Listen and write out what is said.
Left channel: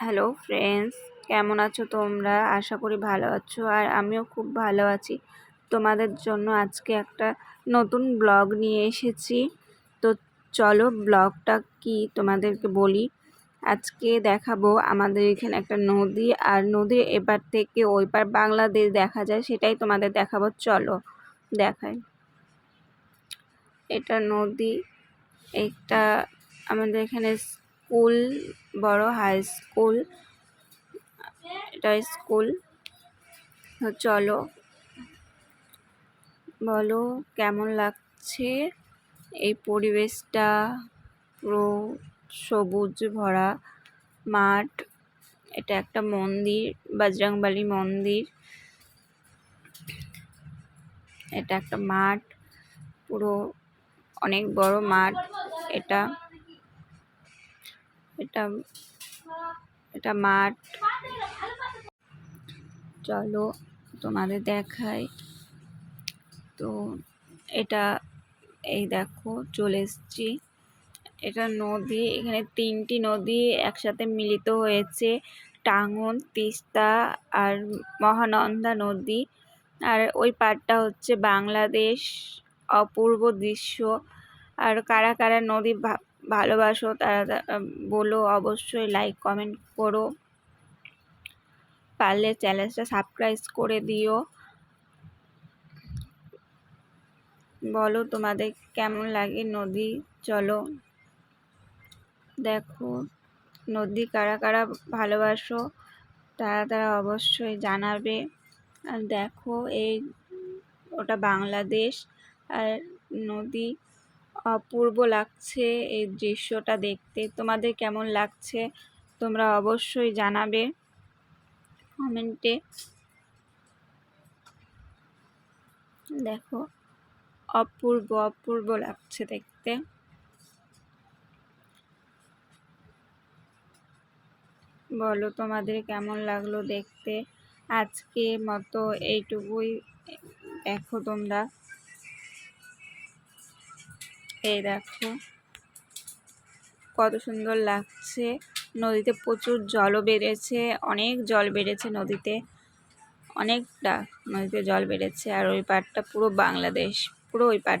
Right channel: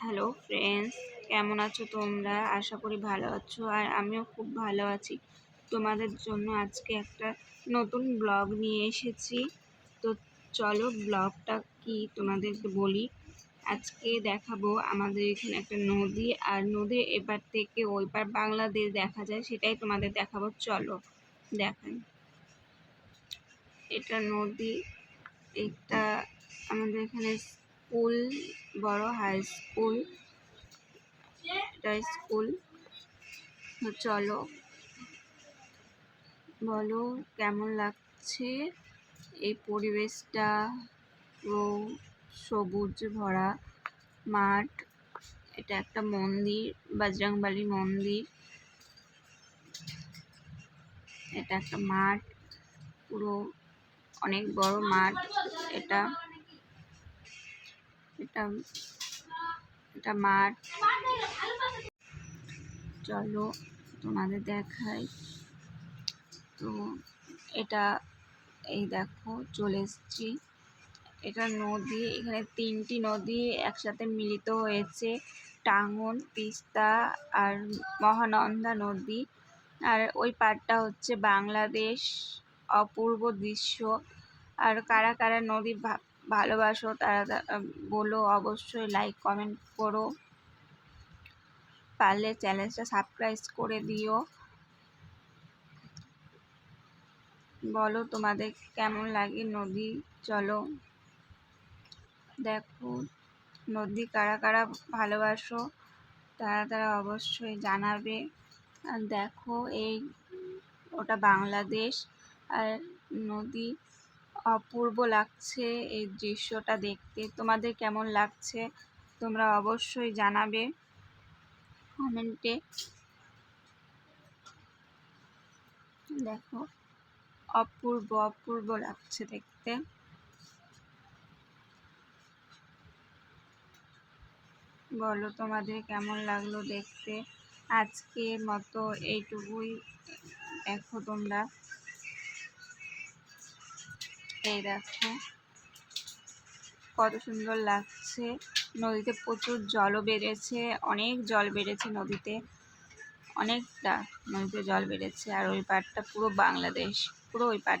Hello friends, কেমন আছো তোমরা? আশা করি ভালো আছো, আর আমিও খুব ভালো আছি। তোমাদের জন্য আজকে একটা নতুন ব্লগ নিয়ে এসেছি। তো চলো ব্লগটা কি তোমাদেরকে বলি। আজকে দেখাবো আমাদের এখানে একটা নদী, আর নদীর এপার থেকে ওই পার বাংলাদেশ দেখা যায়, সেটাই তোমাদের দেখাবো। চলো দেখাই। এটা নদী, একটা আমাদের এখানে স্কুল, বড় হাই স্কুল, এটা স্কুল। চলো বলো কেমন লাগছে এই পরিবেশটা। পুরো সবুজ ভরা মাঠ। এটা একটা মন্দির, বজরংবলী মন্দির। এটা একটা মাঠ, পুরো অনেক বড় মাঠ। এটা এটা এটা মাঠ। চলো তোমাদের দেখাই। তো এটা এই দেখো চলে এসছি। এটা নদী, এখানে 3টি নদী একসাথে মিলিত হয়েছে, টাঙ্গন, তিস্তা আর মহানন্দা নদী। আর ওই পাড়টা হচ্ছে বাংলাদেশ। অপূর্ব দৃশ্য। আর কারা কারা নদী ভালোবাসো তারা বলো, অবশ্যই লাইক কমেন্ট করো, পারলে চ্যানেলটা সাবস্ক্রাইব করে দিও। বলো তোমাদের কেমন লাগে নদী। চলো দেখো নদী কারা কারা ভালোবাসো তারা অবশ্যই জানাবে। আর দেখো এই ওটা বাংলাদেশ, আর নদী। অপূর্ব লাগছে এই দৃশ্যটা দেখতে। তোমাদের কেমন লাগছে তোমরা অবশ্যই জানাবে কমেন্টে। দেখো অপূর্ব অপূর্ব লাগছে দেখতে। বলো তোমাদের কেমন লাগলো দেখতে। আজকে মতো এইটুকুই। দেখো তোমরা, এই দেখো কত সুন্দর লাগছে। নদীতে প্রচুর জলও বেড়েছে, অনেক জল বেড়েছে নদীতে, অনেকটা নদীতে জল বেড়েছে। আর ওই পাড়টা পুরো বাংলাদেশ, পুরো ওই পাড়।